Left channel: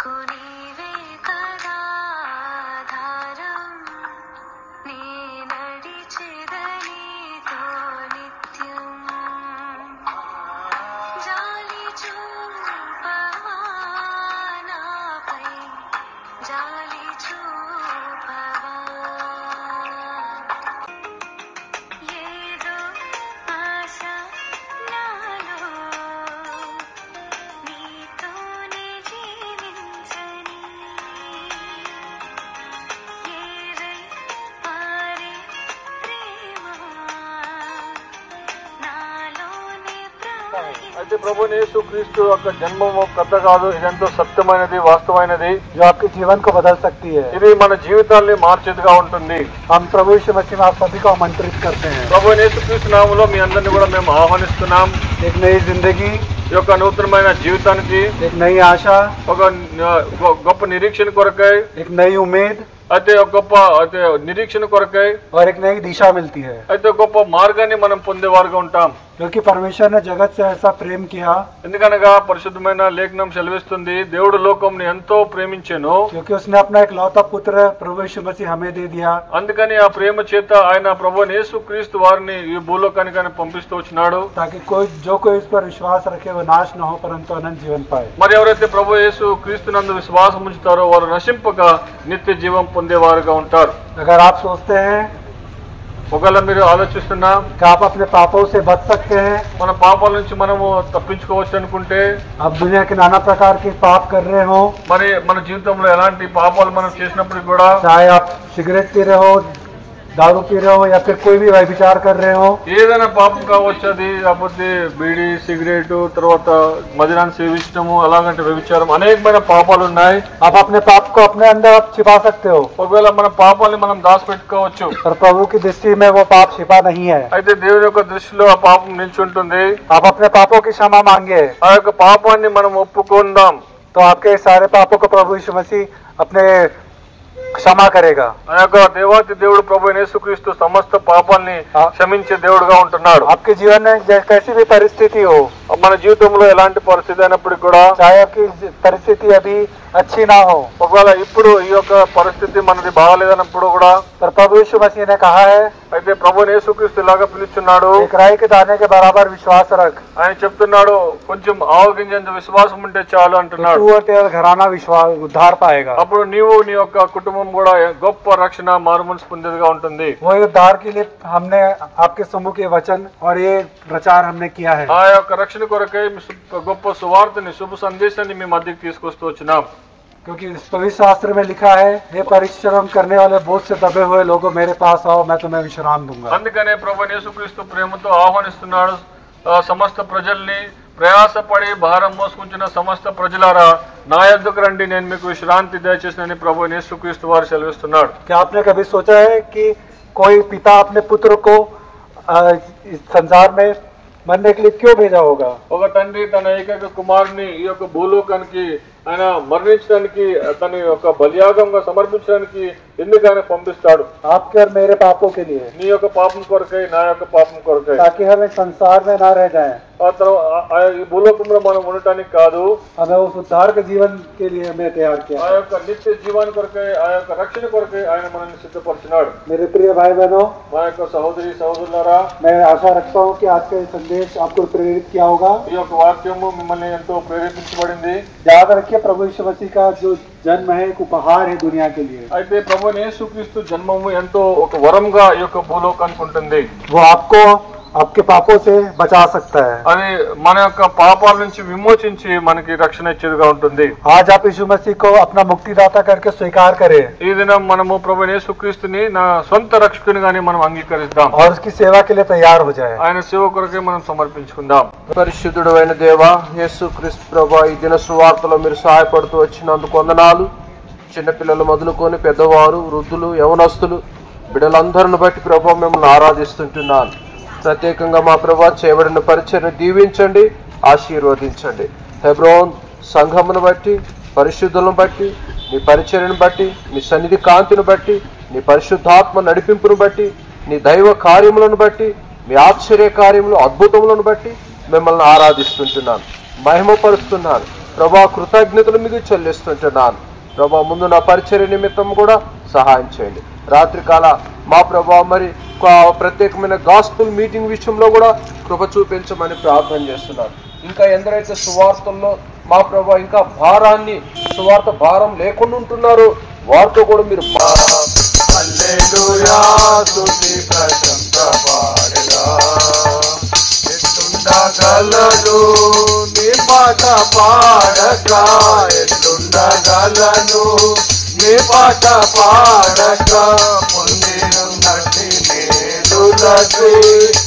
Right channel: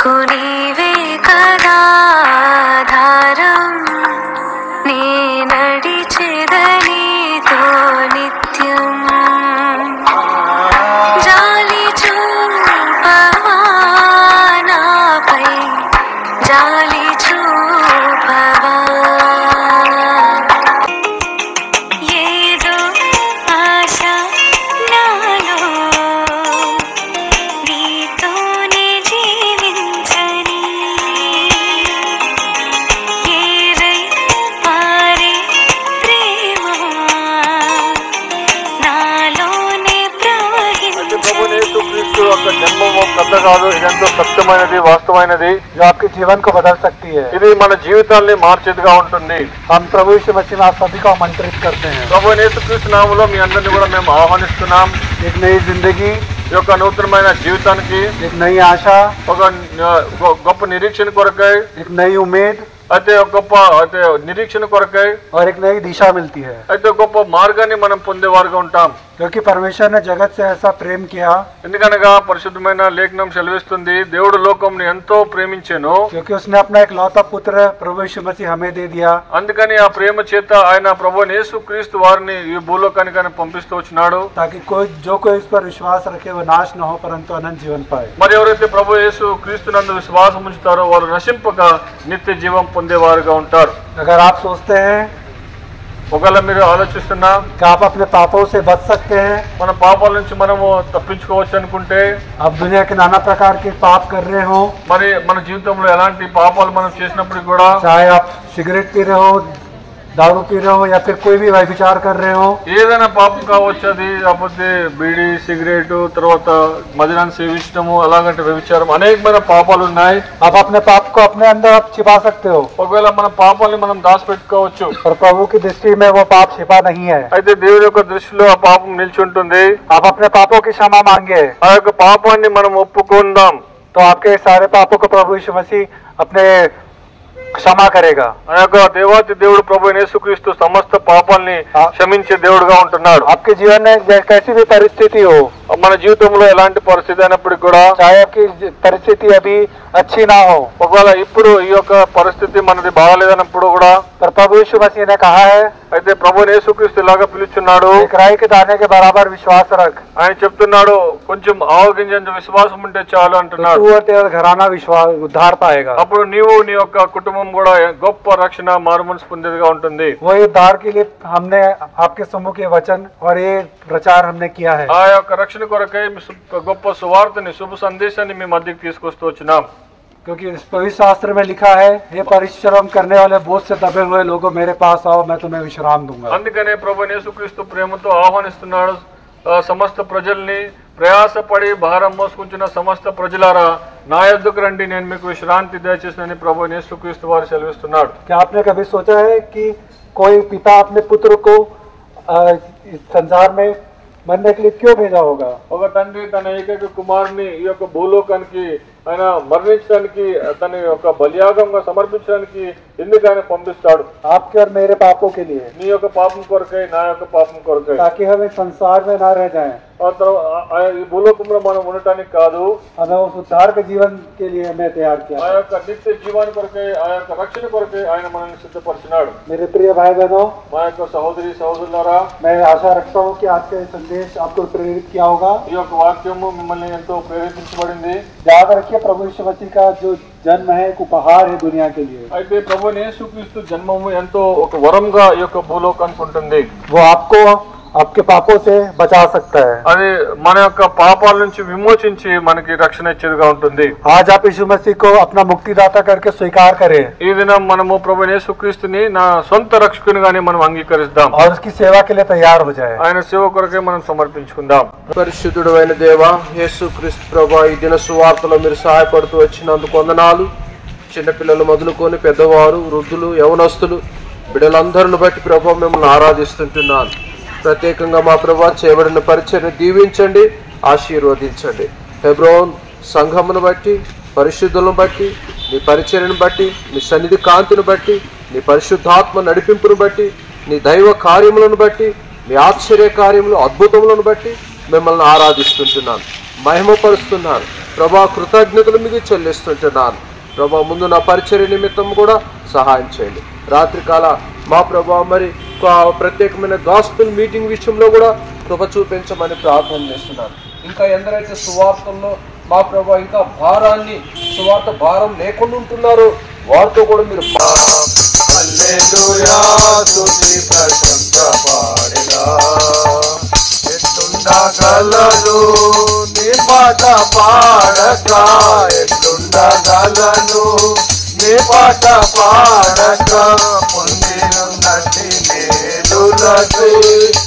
నాకు నీవే కదా ఆధారం, నీ నడిచెదనితో నిత్యం. జాలి చూపవా నాపై, జాలి చూపవా. ఏదో ఆశ నాలో, నీతోనే జీవించని. ఏరై పారే ప్రేమ నాలోనే ప్రవహించని. జన్మము కథ కాదు, ఇదంతా సత్యమైనది, వాస్తవమైనది. जो आपके जीवन को बदल सकती है. ఇది మన జీవితాన్ని మార్చేదిగా ఉంటుంది. हम प्रभु यीशु मसीह में आप सभी को आमंत्रित करते हैं. ప్రభు యేసుక్రీస్తు నామములో మీ అందరిని కూడా మేము ఆహ్వానిస్తున్నాం. एक नई जिंदगी, ఈ యొక్క నూతనమైన జీవితానికి, एक नई आशा, ఒక గొప్ప నిరీక్షణ కొరకై, एक नई उम्मीद అయితే ఒక గొప్ప నిరీక్షణ కొరకై, और एक नई दिशा मिलती है. అయితే గొప్ప మార్గాన్ని మనం పొందేవారుగా ఉంటాం. क्योंकि परमेश्वर ने जगत से ऐसा प्रेम किया, ఎందుకనగా పరిశుద్ధమైన లేఖనం సెలవిస్తుంది, దేవుడు లోకంని ఎంతో ప్రేమించెను, क्योंकि उसने अपना एक लौता पुत्र प्रभु यीशु मसीह हमें दे दिया, అందుకని ఆ ప్రేమ చేత ఆయన ప్రభువైన యేసుక్రీస్తు వారిని ఈ భూలోకానికి ఆయన పంపిస్తూ వచ్చినాడు. ताकि जो कोई इस पर विश्वास रखे वो नाश न हो परंतु अनंत जीवन पाए. మరి ఎవరైతే ప్రభు యేసు క్రీస్తునందు విశ్వాసం ఉంచుతారో వారు నశింపక నిత్య జీవం పొందేవారుగా ఉంటారు. अगर आप सोचते हैं ఒకవేళ మీరు ఆలోచిస్తున్నా कि आप अपने पापों से बच सकते हैं, మన పాపాల నుంచి మనము తప్పించుకోవచ్చు అనుకుంటే, आप दुनिया के नाना प्रकार के पाप कर रहे हो, మరి మన జీవితంలో ఎలాంటి పాపాలు మనం చేసినప్పుడు కూడా, चाहे आप सिगरेट पी रहे हो, दारू पी रहे हो या फिर कोई भी व्यभिचार कर रहे हो, ఏదైనా పాపం కావచ్చు, అది కాకపోతే బీడీ, సిగరెట్, తర్వాత మద్యాన్ని సేవించడము, ఎలాగంటే వ్యభిచారం, అనేకమైన పాపాలు ఉన్నాయి. आप अपने पाप को अपने अंदर आप छिपा सकते हो, ఒకవేళ మన పాపాన్ని మనం దాచిపెట్టుకోవచ్చు. पर प्रभु की दृष्टि में वो पाप छिपा नहीं है. అయితే దేవుడి యొక్క దృష్టిలో ఆ పాపం నిల్చుంటుంది. आप अपने पापों की क्षमा मांगे ఆ యొక్క పాపాన్ని మనం ఒప్పుకుందాం. तो आपके सारे पापों को प्रभु यीशु मसीह अपने क्षमा करेगा. ఆ యొక్క దేవాతి దేవుడు ప్రభు యేసుక్రీస్తు సమస్త పాపాలని క్షమించే దేవుడుగా ఉంటున్నాడు. आपके जीवन में कैसी भी परिस्थिति हो, మన జీవితంలో ఎలాంటి పరిస్థితి అయినప్పటికీ కూడా, चाहे आपकी परिस्थिति अभी अच्छी ना हो, ఒకవేళ ఇప్పుడు ఈ యొక్క పరిస్థితి మనది బాగాలేదన్నప్పుడు కూడా, पर प्रभु यीशु मसीह ने कहा है, అయితే ప్రభు యేసుక్రీస్తు ఇలాగా పిలుచున్నాడు. एक राई के दाने के बराबर विश्वास रख, ఆయన చెప్తున్నాడు, కొంచెం ఆవగింజంత విశ్వాసం ఉంటే చాలు అంటున్నాడు. तू और तेरा घराना विश्वास उद्धार पाएगा. అప్పుడు నీవు నీ యొక్క కుటుంబం కూడా గొప్ప రక్షణ మారుమనసు పొందేదిగా ఉంటుంది. वो उद्धार के लिए हमने आपके समूह के वचन और ये प्रचार हमने किया है. ఆ యొక్క రక్షణ కొరకై గొప్ప సువార్తని, శుభ సందేశాన్ని మీ మధ్యకి తీసుకొస్తూ వచ్చినాం. क्योंकि इस पवित्र शास्त्र में लिखा है, हे परिश्रम करने वाले बोझ से दबे हुए लोगों मेरे पास आओ, मैं तुम्हें विश्राम दूंगा. అందుకనే ప్రభు యేసుక్రీస్తు ప్రేమతో ఆహ్వానిస్తున్నాడు సమస్త ప్రజల్ని, ప్రయాసపడి భారం మోసుకుంటున్న సమస్త ప్రజలారా నా యొద్దకు రండి, నేను మీకు విశ్రాంతి దయచేసినని ప్రభు యేసుక్రీస్తు వారు సెలవిస్తున్నాడు. क्या आपने कभी सोचा है कि कोई पिता अपने पुत्र को इस संसार में मरने के लिए क्यों भेजा होगा? ఒక తండ్రి తన ఏకైక కుమారుని ఈ యొక్క భూలోకానికి ఆయన మరణించడానికి, తన యొక్క బలియాగంగా సమర్పించడానికి ఎందుకు ఆయన పంపిస్తాడు? आपके और मेरे पापों के लिए, నీ యొక్క పాపం కొరకై, నా యొక్క పాపం కొరకై, ताकि हम इस संसार में ना रह जाएं. ఈ భూలోకంలో మనం ఉండటానికి కాదు, हमें उस उद्धार के जीवन के लिए हमें तैयार किया. ఆ యొక్క నిత్య జీవాన్ని కొరకై, ఆ యొక్క రక్షణ కొరకై ఆయన మనల్ని సిద్ధపరిచినాడు. मेरे प्रिय भाई बहनों, మా యొక్క సహోదరి సహోదరులారా, मैं आशा रखता हूँ कि आज का ये संदेश आपको प्रेरित किया होगा. ఈ యొక్క వాక్యము మిమ్మల్ని ఎంతో ప్రేరేపించబడింది. याद रखिए, प्रभु यीशु मसीह का जो जन्म है एक उपहार है दुनिया के लिए. అయితే ప్రభు యేసుక్రీస్తు జన్మము ఎంతో ఒక వరంగా ఈ యొక్క భూలోకానికి ఉంటుంది. वो आपको आपके पापों से बचा सकता है. అది మన యొక్క పాపాల నుంచి విమోచించి మనకి రక్షణ ఇచ్చేదిగా ఉంటుంది. आज आप यीशु मसीह को अपना मुक्तिदाता करके स्वीकार करें ఈ దినం మనము ప్రభు యేసుక్రీస్తుని నా సొంత రక్షకునిగానే మనం అంగీకరిస్తాం. और उसकी सेवा के लिए तैयार हो जाए. ఆయన సేవ కొరకే మనం సమర్పించుకుందాం. పరిశుద్ధుడు అయిన దేవా, యేసుక్రీస్తు ప్రభా, ఈ దిన సువార్తలో మీరు సహాయపడుతూ వచ్చినందుకు వందనాలు. చిన్నపిల్లలు మొదలుకొని పెద్దవారు, వృద్ధులు, యవనస్తులు, బిడ్డలందరిని బట్టి ప్రభా మిమ్మల్ని ఆరాధిస్తుంటున్నాను. ప్రత్యేకంగా మా ప్రభా చేయబడిన పరిచర్ను దీవించండి, ఆశీర్వదించండి. హెబ్రోన్ సంఘమును బట్టి, పరిశుద్ధులను బట్టి, నీ పరిచర్యను బట్టి, నీ సన్నిధి కాంతిని బట్టి, నీ పరిశుద్ధాత్మ నడిపింపును బట్టి, నీ దైవ కార్యములను బట్టి, మీ ఆశ్చర్య కార్యములు, అద్భుతములను బట్టి మిమ్మల్ని ఆరాధిస్తుంటున్నాను, మహిమపరుస్తున్నాను. ప్రభా కృతజ్ఞతలు మీకు చెల్లిస్తుంటున్నాను. ప్రభా ముందు నా పరిచర్య నిమిత్తం కూడా సహాయం చేయండి. రాత్రికాల మా ప్రభా మరి ప్రత్యేకమైన గాస్పెల్ మీటింగ్ విషయంలో కూడా కృప చూపించమని ప్రార్థన చేస్తున్నాను. ఇంకా ఎందరైతే సువార్తల్లో మా ప్రభా ఇంకా భారాన్ని సువార్త భారం లేకుండా ఉంటున్నారో వారితో కూడా మీరు పాట పాడక ఎట్లుండగలను నీ పాట పాడక నటి